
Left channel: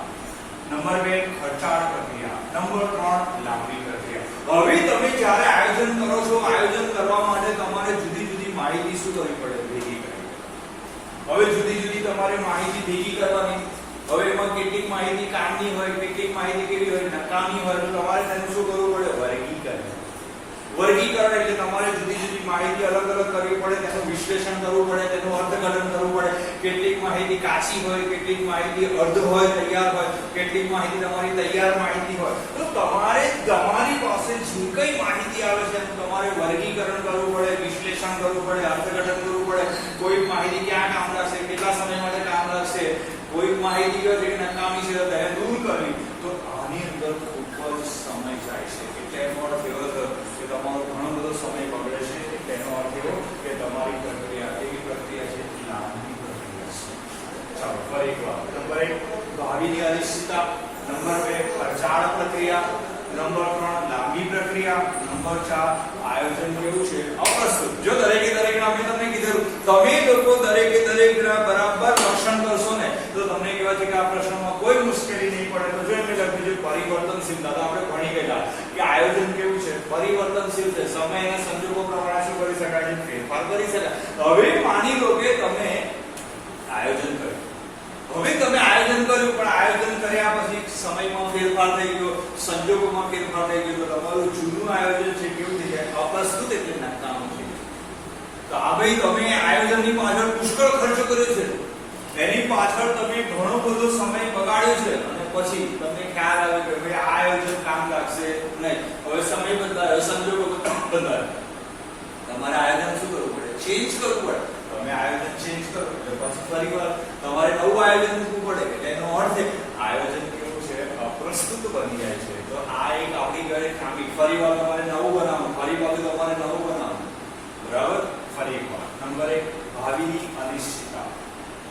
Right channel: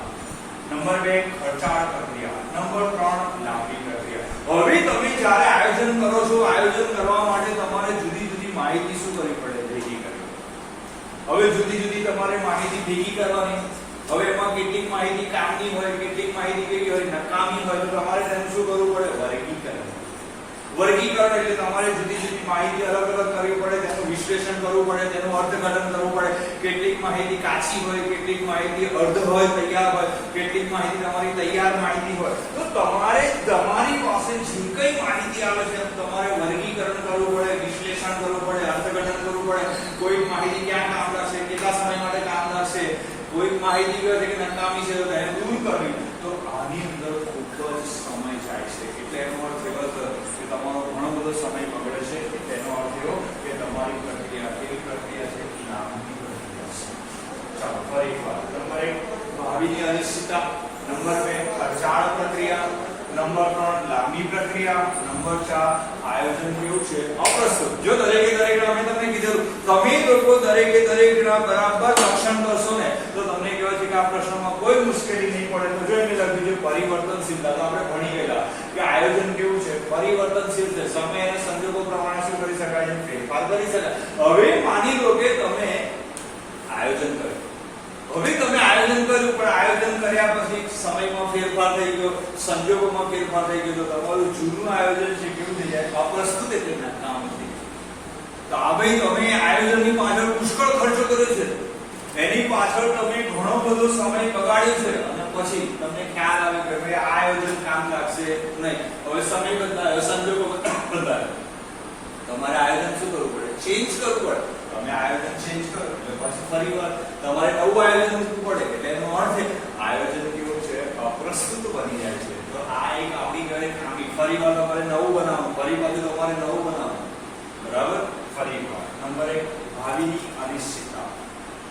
નંબર 2 ખર્ચાળ પ્રક્રિયા. નંબર 3 લાંબી પ્રક્રિયા. હવે તમે જ્યારે આયોજન કરો છો, આયોજન કરવા માટે તમારે જુદી જુદી માહિતી શું કરવી પડે? ભેગી કરવી. હવે જુદી જુદી તમારે માહિતી ભેગી કરવાની. હવે એમાં કેટલીક માહિતી કામની હોય, કેટલીક માહિતી કેવી હોય? નકામી હોય. તો તમારે તેનું શું કરવું પડે? વર્ગીકરણ. વર્ગીકરણ એટલે તમારે જુદી જુદી માહિતી અલગ અલગ કરવી પડે, તેનું વિશ્લેષણ કરવું પડે, તેનું અર્થઘટન કરવું પડે. કેટલીક માહિતી કાચી હોય, કેટલીક માહિતી અર્ધ હોય, તૈયાર હોય, કેટલીક માહિતી તમારી તૈયાર માહિતી હોય. તો તમારે તમારી પાસે જે કઈ માહિતી આવે છે તમારે વર્ગીકરણ કરવું પડે, વિશ્લેષણ કરવું પડે, અર્થઘટન કરવું પડે. કોઈ માહિતી ક્યાં કામ લાગશે, કેટલા સમય માટે કામ લાગશે, કોઈ માહિતી કહે છે કે નકામી છે તો તેને દૂર કરવી. તો આની અંદર ખૂબ જ સમય જાય છે. એટલે એનો અર્થ એવો થયો કે તમારો ઘણો બધો સમય બગડે છે. એટલે એનો અર્થ એવો કે તમારી પ્રક્રિયા કેવી પ્રક્રિયા છે? લાંબી પ્રક્રિયા છે. ચાલો ફરી એકવાર. નંબર 1 ભાવિની અનિશ્ચિતતા. નંબર 2 ખર્ચાળ પ્રક્રિયા. નંબર 3 લાંબી પ્રક્રિયા. નંબર 4 આયોજન કેવું છે? અપ્રસ્તુત. જો દરેકે દરેક મેં તમને કીધું, તમે લોકો દરેકે દરેક બરાબર લક્ષણ કરશો ને તો તમને કહેવાય છે કે આ પ્રશ્નમાં કોઈ મુશ્કેલી નહીં પડે. તો જો એમને લખ્યું છે પરિવર્તનશીલતા. તો આપણે ભણી ગયેલા કે આયોજન કેવું છે? પરિવર્તનશીલ છે. સમય અને સંજોગો પ્રમાણે શું કરી શકાય છે? ફેરફાર કરી શકાય. હવે માની લો કે તમે આયોજન કર્યું. હવે તમે આયોજન કર્યું, પણ આયોજન કર્યા પછી સમયમાં ફેરફાર થઈ ગયો, સંજોગોમાં ફેરફાર થઈ ગયો. તો તમારું જૂનું આયોજન છે કેવું છે? અપ્રસ્તુત એટલે નકામું થઈ ગયું. તો આ ભાઈ તમે આયોજનની પાછળ પુષ્કળ ખર્ચ કર્યો છે, એની પાછળ તમે ઘણો બધો સમય બગાડ્યો છે, અને પછી તમને ખ્યાલ આવે કે ભાઈ આ આયોજન કામ લાગશે નહીં. હવે સમય બદલાયો, સંજોગો બદલાયો, તમારે આયોજન શું કરવું પડે? ચેન્જ કરવું પડે. તમે આયોજન ચેન્જ કરો એટલે પછી ફરીવાર તમારે નવું આયોજન મૂકવું પડે. એટલે એનો અર્થ આયોજન કેવું છે? અપ્રસ્તુત બની જાય છે. તો આ એક આપણી ઘરે ખામી. ફરીવાર તમારે નવું બનાવવું, ફરી પાછું તમારે નવું બનાવવું. બરાબર? ફરીવાર. નંબર 1 ભાવિની અનિશ્ચિતતા.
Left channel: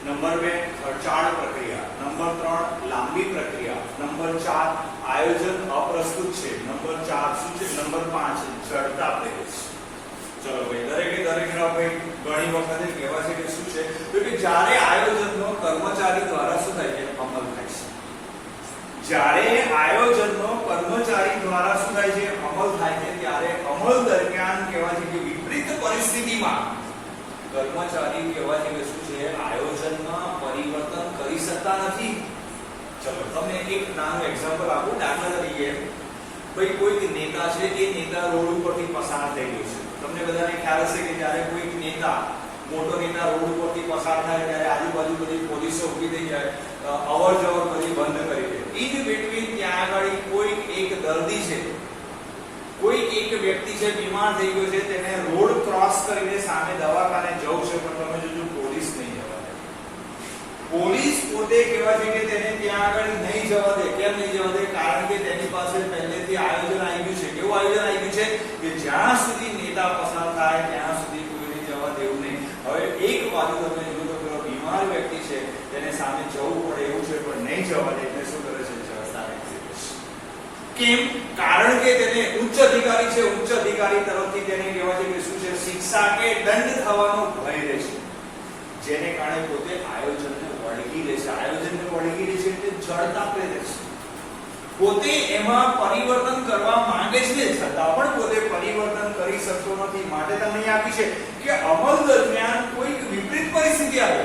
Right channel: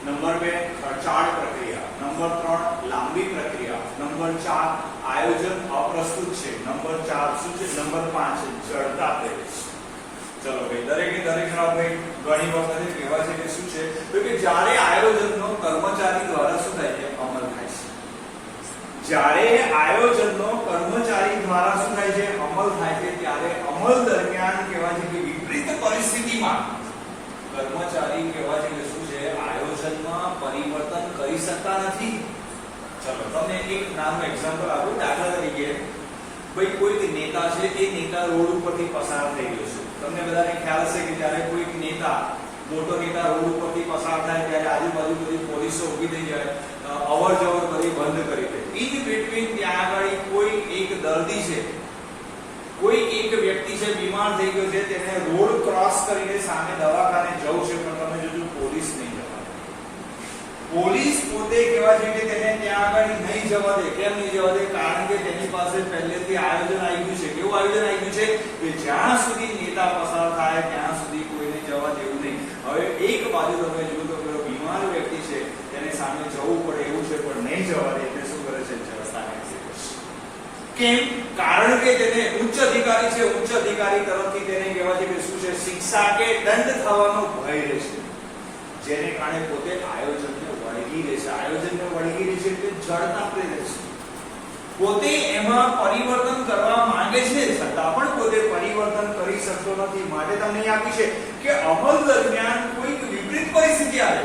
નંબર 2 ખર્ચાળ પ્રક્રિયા. નંબર 3 લાંબી પ્રક્રિયા. નંબર 4 આયોજન અપ્રસ્તુત છે. નંબર 4 શું છે? નંબર 5 જડતા પ્રેરે છે. ચલો ભાઈ, દરેકે દરેક ભાઈ ઘણી વખતે કહેવાય છે કે શું છે? તો કે જ્યારે આયોજનનો કર્મચારી દ્વારા શું થાય છે? અમલ થાય છે. જ્યારે આયોજનનો કર્મચારી દ્વારા શું થાય છે? અમલ થાય છે. ત્યારે અમલ દરમિયાન કહેવાય છે કે વિપરીત પરિસ્થિતિમાં કર્મચારી કહેવાય છે કે શું છે? આયોજનમાં પરિવર્તન કરી શકતા નથી. ચલો તમને એક નાનું એક્ઝામ્પલ આપું. દાખલા તરીકે ભાઈ કોઈક નેતા છે, એ નેતા રોડ ઉપરથી પસાર થઈ ગયો છે. તમને બધાને ખ્યાલ હશે કે જ્યારે કોઈક નેતા, મોટો નેતા રોડ ઉપરથી પસાર થાય ત્યારે આજુબાજુ બધી પોલીસો ઊભી થઈ જાય, અવર જવર બધી બંધ કરી દે. ઇન બિટવીન ત્યાં આગળ કોઈ એક દર્દી છે, કોઈ એક વ્યક્તિ છે, બીમાર થઈ ગયો છે, તેને રોડ ક્રોસ કરીને સામે દવાખાને જવું છે, પણ તમે જોજો પોલીસ નહીં જવા દે. પોલીસ પોતે કહેવાય છે કે તેને ત્યાં આગળ નહીં જવા દે. કેમ નહીં જવા દે? કારણ કે તેની પાસે પહેલેથી આયોજન આવી ગયું છે. કેવું આયોજન આવી ગયું છે? કે જ્યાં સુધી નેતા પસાર થાય ત્યાં સુધી કોઈને જવા દેવું નહીં. હવે એક બાજુ તમે જોયું તો પેલો બીમાર વ્યક્તિ છે, તેને સામે જવું પડે એવું છે, પણ નહીં જવા દે. એટલે શું કરે છે? જડતા એક્ઝિક્યુટ. કેમ? કારણ કે તેને ઉચ્ચ અધિકારી છે, ઉચ્ચ અધિકારી તરફથી તેને કહેવાય છે કે શું છે? શિક્ષા કે દંડ થવાનો ભય રહે છે. જેને કારણે પોતે આયોજનને વળગી રહે છે. આયોજનને વળગી રહે છે એટલે જડતા પ્રેરે છે. પોતે એમાં પરિવર્તન કરવા માંગે છે, છતાં પણ પોતે પરિવર્તન કરી શકતો નથી. માટે તમને આપી છે કે અમલ દરમિયાન કોઈક વિપરીત પરિસ્થિતિ આવે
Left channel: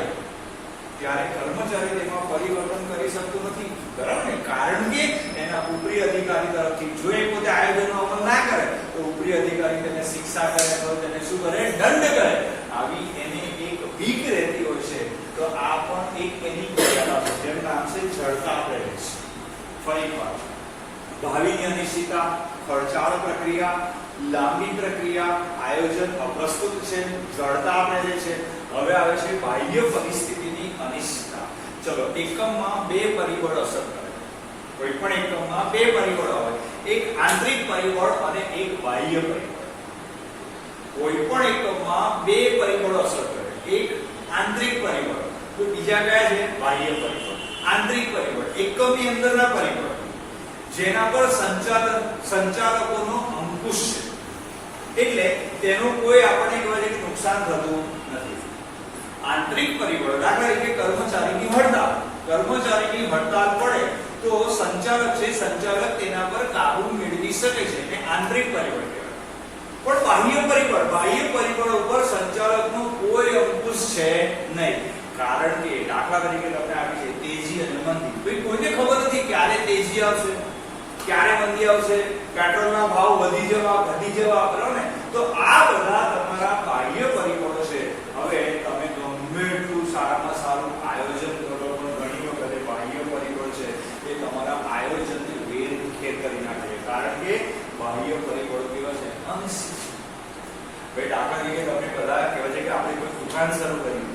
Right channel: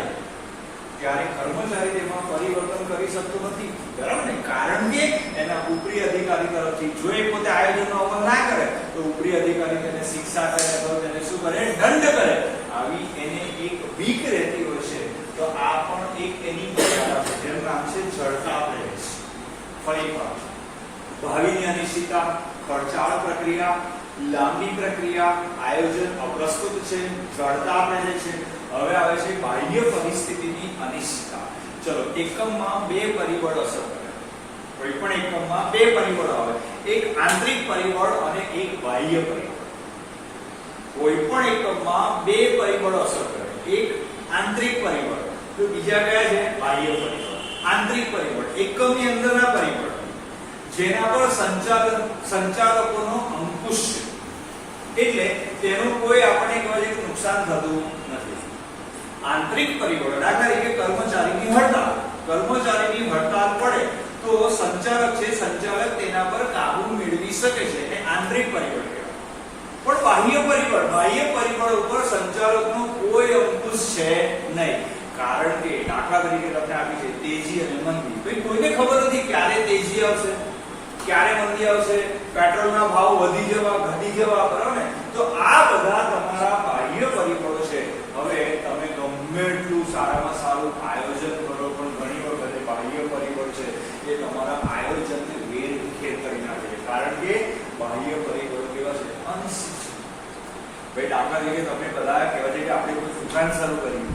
ત્યારે કર્મચારી તેમાં પરિવર્તન કરી શકતો નથી. બરાબર ને? કારણ કે એના ઉપરી અધિકારી તરફથી જો એ પોતે આયોજનનો અમલ ના કરે તો ઉપરી અધિકારી તેને શિક્ષા કરે, તો તેને શું કરે? દંડ કરે. આવી એને એક બીક રહેતી હોય છે. તો આ પણ એક એની મર્યાદા છે, જેનું નામ છે જડતા પ્રેરે છે. ફરીવાર, ભાવિની અનિશ્ચિતતા, ખર્ચાળ પ્રક્રિયા, લાંબી પ્રક્રિયા, આયોજન અપ્રસ્તુત છે, જડતા પ્રેરે છે. હવે આવે છે બાહ્ય પરિસ્થિતિની અનિશ્ચિતતા. ચલો, એકમમાં બે પરિબળ અસર કરે. કોઈ પણ એકમમાં બે પરિબળો આવે, એક આંતરિક પરિબળ અને એક બાહ્ય પરિબળ. કોઈ પણ એકમમાં બે પરિબળો અસર કરે, એક આંતરિક પરિબળ, તો બીજા કયા છે? બાહ્ય પરિબળ. આંતરિક પરિબળ એકમની અંદરના પરિબળ જેના પર સંચાલકોનો અંકુશ છે, એટલે તેનું કોઈ આપણને કહેવાય છે નુકસાન થતું નથી. આંતરિક પરિબળો, દાખલા તરીકે કર્મચારીની હડતાલ. કર્મચારીની હડતાલ પડે તો સંચાલક છે, સંચાલક તેના પર કાબુ મેળવી શકે છે અને આંતરિક પરિબળ કહેવાય. પણ બાહ્ય પરિબળ ઉપર સંચાલકનો કોઈ અંકુશ છે નહીં. કારણ કે દાખલા તરીકે તમને આપી છે તેજી અને મંદી. ભાઈ કોઈને ખબર નથી ક્યારે તેજી આવશે, ક્યારે મંદી આવશે, પેટ્રોલના ભાવ વધી જવા ઘટી જવા, બરાબર ને? તો આ બધા તમારા બાહ્ય પરિબળો છે. હવે તમે ગમે એટલું સારામાં સારું આયોજન કરો પણ ઘણી વખતે બાહ્ય પરિબળ છે એ તમારા આયોજનને વેરવિખેર કરી નાખે છે. કારણ કે બાહ્ય પરિબળો કેવા છે? અનિશ્ચિત છે. ભાઈ દાખલા તરીકે તમને બધા કહેવાય છે કે આપણે કોઈ દુકાન શરૂ કરી,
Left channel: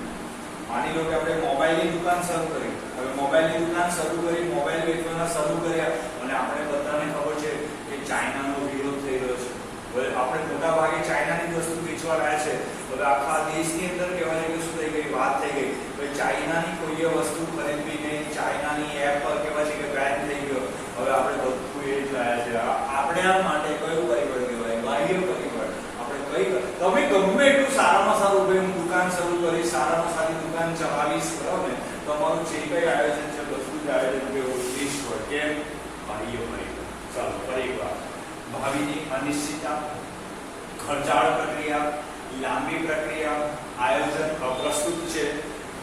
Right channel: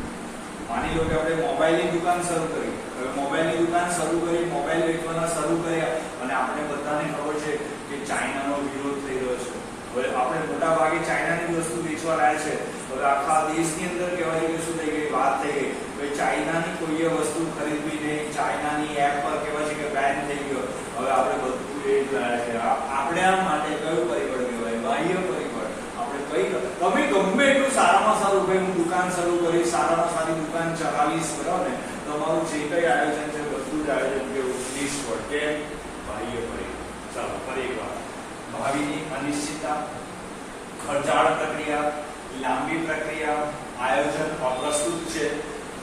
માની લો કે આપણે મોબાઈલની દુકાન શરૂ કરી. હવે મોબાઈલની દુકાન શરૂ કરી, મોબાઈલ વેચવાના શરૂ કર્યા અને આપણે બધાને ખબર છે કે ચાઇનાનો વિરોધ થઈ રહ્યો છે. હવે આપણે મોટા ભાગે ચાઇનાની જ વસ્તુ વેચવા રહ્યા છે. હવે આખા દેશની અંદર કહેવાય છે કે શું થઈ ગઈ? વાત થઈ ગઈ ભાઈ ચાઇનાની કોઈ વસ્તુ ખરીદવી નહીં, ચાઇનાની એપ પર કહેવાય છે કે બેન થઈ ગયો. હવે આપણે બધું એ જ રહ્યા છે. આપણે આ માટે કયું પરિબળ કહેવાય? બાહ્ય પરિબળ. તમે ગમે એટલું સારામાં સારું ભાઈ હું દુકાન શરૂ કરીશ, સારામાં સારી દુકાન ચલાવીશ, બરાબર ને? તમારું જે કઈ આયોજન છે બધું જ આયોજન કેવું? નિષ્ફળ. કેમ? બાહ્ય પરિબળ. ચાલો ફરી એકવાર. ભાવિની અનિશ્ચિતતા, ખર્ચાળ પ્રક્રિયા, લાંબી પ્રક્રિયા, આયોજન અપ્રસ્તુત છે,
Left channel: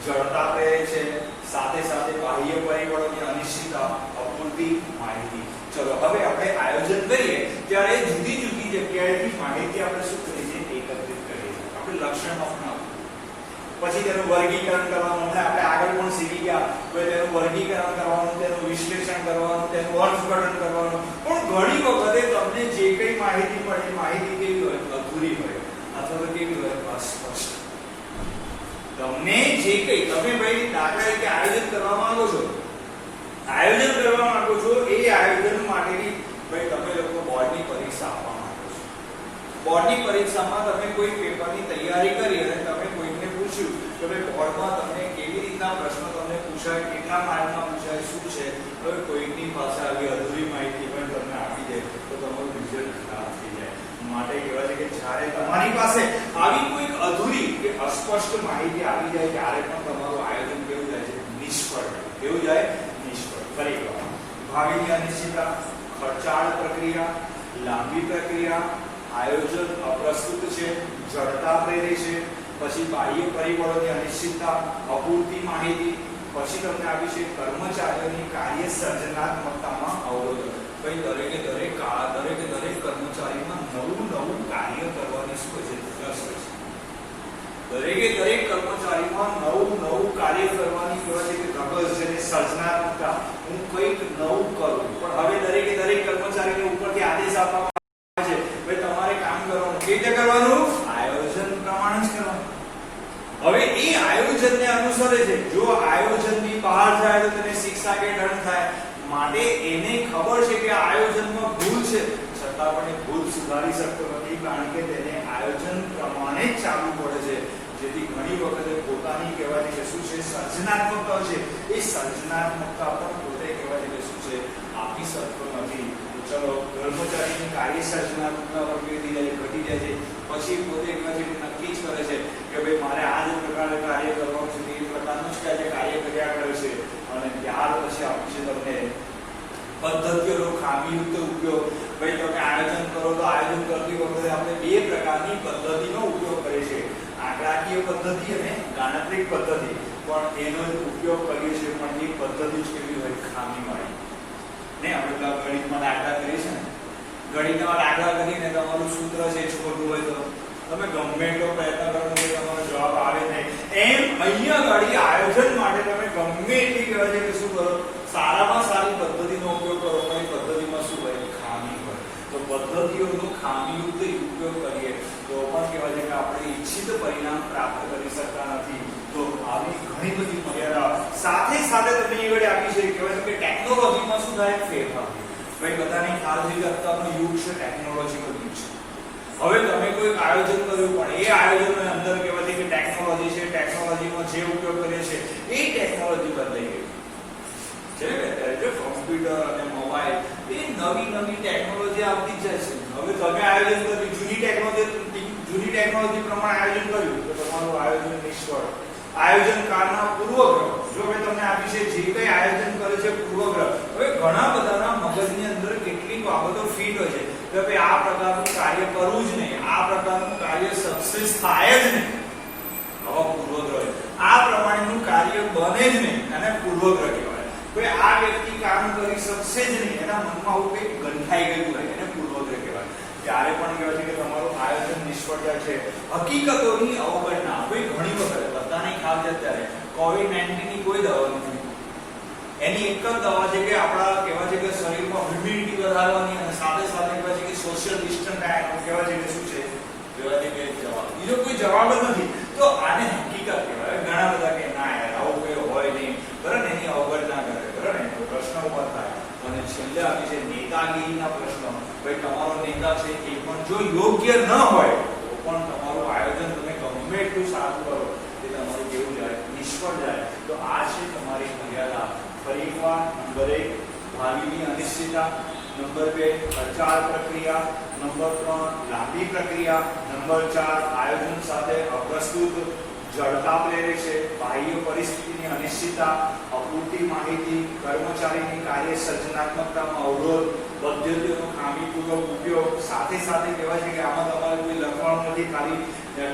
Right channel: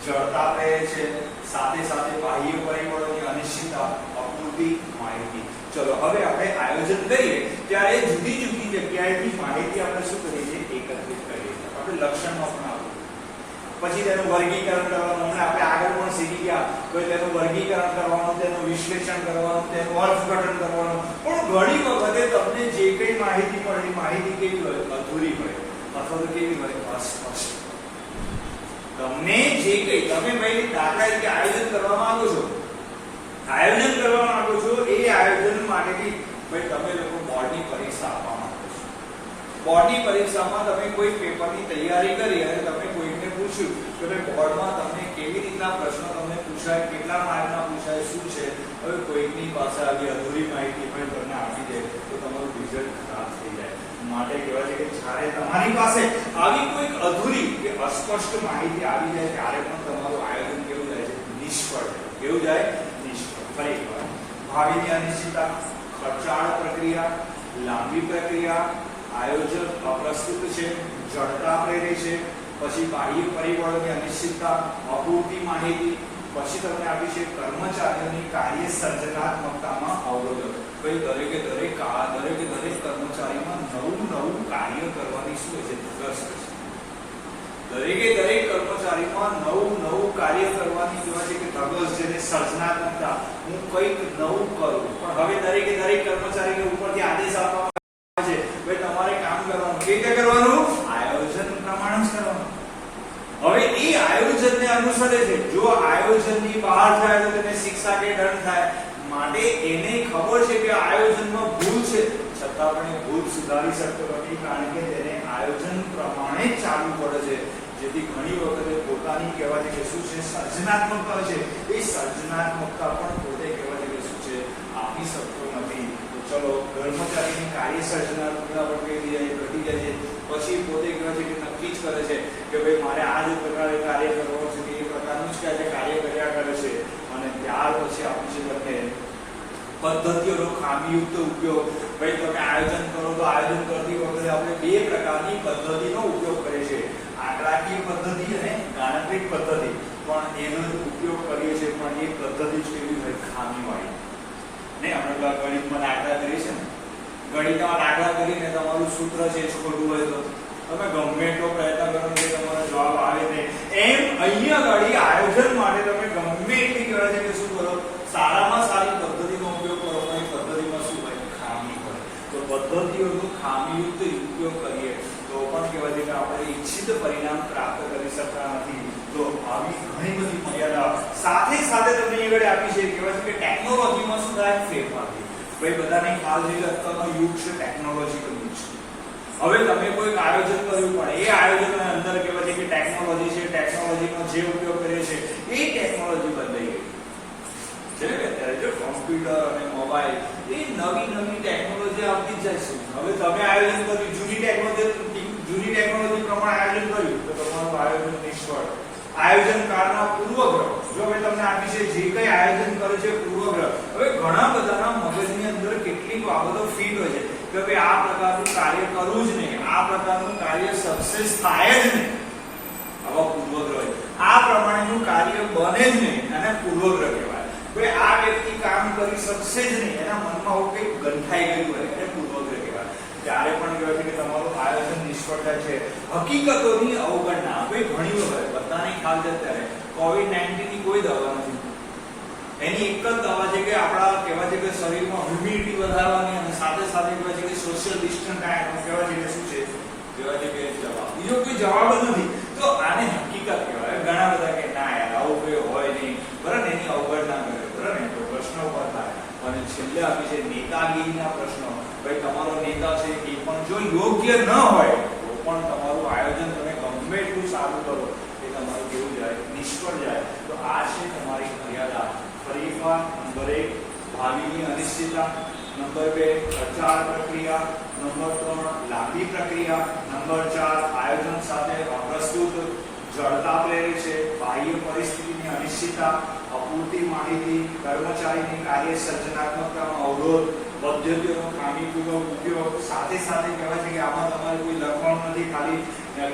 જડતા પ્રેરે છે, સાથે સાથે બાહ્ય પરિબળોની અનિશ્ચિતતા, અપૂરતી માહિતી. ચલો હવે આપણે આયોજન કરીએ ત્યારે જુદી જુદી જગ્યાએથી માહિતી આપણે શું કરીએ છીએ? એકત્રિત કરીએ. આપણે લક્ષણો અપનાવવું, પછી તેનું વર્ગીકરણ કરવાનું. આપણે આગળ પણ શીખી ગયા તો તેનું વર્ગીકરણ કરવાનું, તેનું વિશ્લેષણ કરવાનું, તેનું અર્થઘટન કરવાનું. પણ ઘણી વખતે તમને જે કઈ માહિતી મળે એ માહિતી કેવી હોય? અધૂરી હોય અથવા તો કેવી હોય? અસ્પષ્ટ. તમને જે કઈ તમે ભાઈ દાખલા તરીકે આયોજન કરવા માંગો છો, એ આયોજન માટેની ભાઈ તમે લોકો બોર્ડની પરીક્ષા આપવા માંગો છો. બોર્ડની પરીક્ષામાં તમે કોઈ પેપરની તૈયારી કરી અને તમે કોઈને પૂછ્યું કે ભાઈ બોર્ડમાં તમને કેવી રીતના પ્રશ્નો તમને પૂછાય, કેટલા માર્કના પૂછાય, શું છે? હવે કોઈની પાસે આવી અધૂરી માહિતી પણ તમને આપી દે તો તમારું રિઝલ્ટ ખરાબ થઈ જાય. માટે કહેવાય છે કે જ્યારે તમારી પાસે આવી કોઈ અધૂરી કે અસ્પષ્ટ માહિતી આવી જાય ત્યારે પણ તમારું આયોજન કેવું જાય છે? નિષ્ફળ. કેવું જાય? નિષ્ફળ. ફરી એકવાર. ભાવિની અનિશ્ચિતતા, ખર્ચાળ પ્રક્રિયા, લાંબી પ્રક્રિયા, આયોજન અપ્રસ્તુત છે, જડતા પ્રેરે છે, પછી બાહ્ય પરિબળોની અનિશ્ચિતતા, અપૂરતી માહિતી, પછી તમને આપી છે કર્મચારીઓની કાર્ય સર્જનાત્મકતામાં અવરોધો. ભાઈ દરેકે દરેક કર્મચારીમાં નવું કાર્ય કરવાની શું હોય છે? રસ હોય છે. દરેક કર્મચારીમાં નવું કાર્ય કરવાની કહેવાય છે કે ધગશ છે, સર્જનાત્મકતા. હું કંઈક નવું કરું. પણ હવે દરેક કર્મચારીને ઉપરથી આદેશ આપવામાં આવે છે ભાઈ તમારે કામ કરવાનું. કેવી રીતે કરવાનું? આયોજન પ્રમાણે જ કરવાનું. હવે એ આયોજનને અનુસરે છે. જો આયોજનની બહાર જાય તો તેને શિક્ષા કે દંડ થાય. માટે એને ખબર છે કે આયોજનમાં ભૂલ છે, છતાં પણ એ ભૂલ સુધારી શકતો નથી. કારણ કે તેને આયોજન પ્રમાણે જ ચાલવું પડે છે. જેથી ઘણી વખતે પોતાની કહેવાય છે કે શું છે? સર્જનાત્મકતા છે. એ સર્જનાત્મકતા પણ પોતે કહેવાય છે કે શું છે? આપી શકતો નથી. તો ચલો કર્મચારીની કાર્ય સર્જનાત્મકતા પણ કેવી જાય? ઘટી જાય છે. પછી પોતે કહેવાય છે કે નક્કી જ કરે છે કે ભાઈ મારે આ જ પ્રકારે કાર્ય કરવાનું છે, એ પ્રકારનું જ કાર્ય કર્યા કરે છે. અને ત્યાર પછી આપી છે તમને પદ્ધતિઓનો ખામીયુક્ત ઉપયોગ. ભાઈ તમે આયોજન કરો તો આયોજન કરતી વખતે આપણે બે પ્રકારની પદ્ધતિનો ઉપયોગ કરીએ છીએ, આંકડાકીય પદ્ધતિ અને ગાણિતિક પદ્ધતિ. પણ એનો ઉપયોગ કરીએ છીએ પણ એ પદ્ધતિ જ કેવી હોય? ખામીવાળી. ને આપણે ગણિતમાં દાખલા કરીએ છીએ ને, ગણિતમાં દાખલા કરીને તમારું સૂત્ર છે એ ખોટું હોય તો તમે ગમે એટલો પ્રયત્ન કરો કે તમારો જવાબ આવે નહીં. એમ અહીંયા આગળ આયોજન માટે તમે ગમે એટલી કરે છે કે શું કરો? સારામાં સારી પદ્ધતિનો ઉપયોગ કરો. પણ પદ્ધતિમાં શું હોય? ખામી હોય. તો પદ્ધતિઓનો ખામીયુક્ત ઉપયોગ કરીએ તો પણ કહેવાય છે કે આપણે ઈચ્છિત પરિણામ પ્રાપ્ત કરી શકતા નથી. તો આવી ઘણી બધી મર્યાદા સાથે તમને આગળ આપી છે. કહેવાય છે કે ટેકનોલોજીમાં શું થાય? ફેરફાર થાય. ભાઈ બધાને ખ્યાલ છે કે અત્યારનો યુગ છે ટેકનોલોજીનો યુગ છે. હવે તમે કોઈ આયોજન કર્યું પણ એ આયોજનની અંદર કહેવાય છે કે ટેકનોલોજી છે, ટેકનોલોજીનો જે ઉપયોગ કરીએ છીએ એ ટેકનોલોજી બદલાઈ ગઈ છે. અત્યારે જો કોમ્પ્યુટર અને મોબાઈલ એ નવી ટેકનોલોજી આવતી જ જાય છે. હવે તમે આયોજન કર્યું જૂની ટેકનોલોજી પ્રમાણે આયોજન કર્યું તો તમારું આયોજન નિષ્ફળ. આયોજન કાળના પૂર્વગ્રહ. જો જો હવે તમને આપી છે જે કઈ આયોજન કરે છે પૂર્વગ્રહ, હવે ઘણા બધાના મગજની અંદર કેટલીક બાબતો ફીટ હોય છે કે ભાઈ આ પ્રકારનું કાર્ય કરવું જ નહીં, આ પ્રકારનું કાર્ય સક્સેસ થાય જ નહીં, આવા પૂર્વગ્રહ હોય, આ પ્રમાણેનું કાર્ય બને જ નહીં અને પૂર્વગ્રહ કહેવાય. ભાઈ આ વ્યક્તિ કામ કરી શકશે જ નહીં, એના મનમાં આવું કંઈક ગંઠાઈ ગયું હોય એને પૂર્વગ્રહ કહેવાય. ત્યારે પણ કહેવાય છે કે તમારું આયોજન નિષ્ફળ જાય છે. હકીકતોની અવગણના, ભાઈ ઘણી વખત બધાને ખ્યાલ છે અત્યારે કોવિડ-19 ની કોઈ દવા નથી, એની એક જ દવા છે કે આપણા કહેવાય છે કે શરીરમાં ઇમ્યુનિટી વધારવાની અને સાથે સાથે કહેવાય છે કે સોશિયલ ડિસ્ટન્સ ડાયટ કહેવાય છે કે શું છે, કહેવાય છે કે જવાબ, બીજો કોઈ જવાબ જ નથી. તો આને હકીકત કહેવાય. ઘણા બધા કે ના યાર આવું કોઈ હોય નહીં, બરાબર, એની અવગણના કરે, બરાબર. તો પ્રશ્ન ઉભા થાય અને છેલ્લે આપી છે નેતાગીરીના પ્રશ્નો. ભાઈ તમારો નેતા છે એ પણ જો યોગ્ય ન હોય તો પણ તમારું આયોજન તમે ગમે એટલું સારું કરો એ તમારું કેવું જાય, નિષ્ફળ જાય. તો આ છે તમારી મર્યાદા. ફરીવાર નંબર 1 ભાવિની અનિશ્ચિતતા, નંબર 2 પ્રચાર પ્રક્રિયા, નંબર 3 લાંબી પ્રક્રિયા, નંબર 4 આયોજન સાથે અપ્રસ્તુત, જડતા પ્રેરે છે, બાહ્ય પરિસ્થિતિની અનિશ્ચિતતા, અપૂરતી માહિતી, કર્મચારીની કાર્ય સર્જનાત્મકતામાં અવરોધ, પદ્ધતિઓનો ખામીપૂર્વક ઉપયોગ, સાથે સાથે કહેવાય છે કે આમાં તમારું કોઈ લખવાનું નથી, ખાલી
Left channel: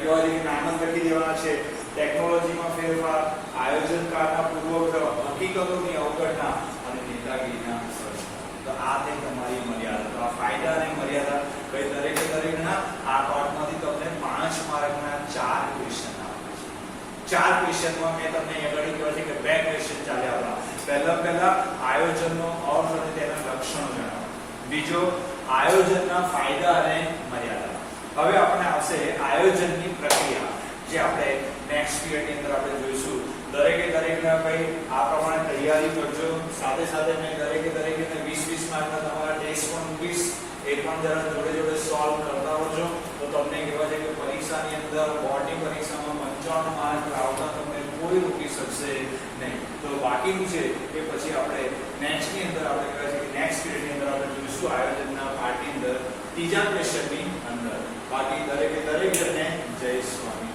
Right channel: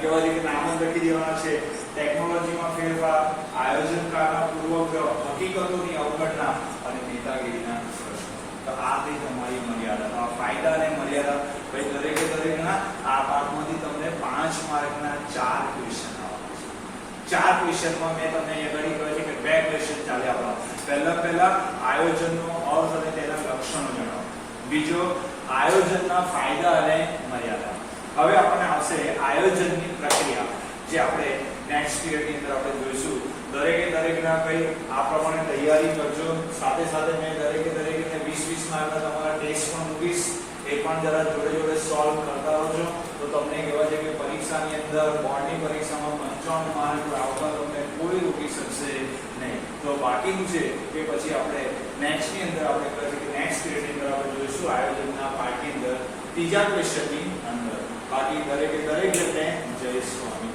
કહેવાય છે કે નામ જ લખી દેવાના છે, ટેકનોલોજીમાં ફેરફાર, આયોજનકારના પૂર્વગ્રહ, હકીકતોની અવગણના અને નેતાગીરીના પ્રશ્નો. તો આ થઈ તમારી મર્યાદા. આ ફાયદા અને મર્યાદા. ભાઈ દરેકના આ પાઠમાંથી તમને 5 માર્કના 4 ક્વેશ્ચન આવવાના છે. 4 ક્વેશ્ચનમાં મેં તમને અહીંયા આગળ કહેવાય છે કે 2 ક્વેશ્ચન ચાલ્યા આપણા. પહેલા આયોજનનો અર્થ અને તેના લક્ષણો જણાવો. બીજો આયોજનના ફાયદા અને મર્યાદા. હવે આપણને આવશે આયોજનની પ્રક્રિયા, જે આપણે નેક્સ્ટ પીરિયડની અંદર આપણે જોઈશું. દરેકના કઈ આ પ્રમાણે તૈયારી કરજો. સાથે સાથે મેં દરેકને 20-20 માર્કના તમારા ટેસ્ટ પણ મૂકીશ, એ પણ જરા જોડે સોલ્વ કરતા રહેજો. તો તમને કહેવાય છે કે પરીક્ષાની અંદર બોર્ડની પરીક્ષામાં 55 માર્ક લાવતા તમને કોઈ રોકી શકશે નહીં. તો બાકીનું છે કે પછી આપણે નેક્સ્ટની અંદર આપણે કહેવાય છે કે નેક્સ્ટ પીરિયડની અંદર આપણે જોઈશું આયોજનના પાર્ટની અંદર ત્રીજા ક્વેશ્ચનની અંદર. બાકી દરેક જણને જય સ્વામી.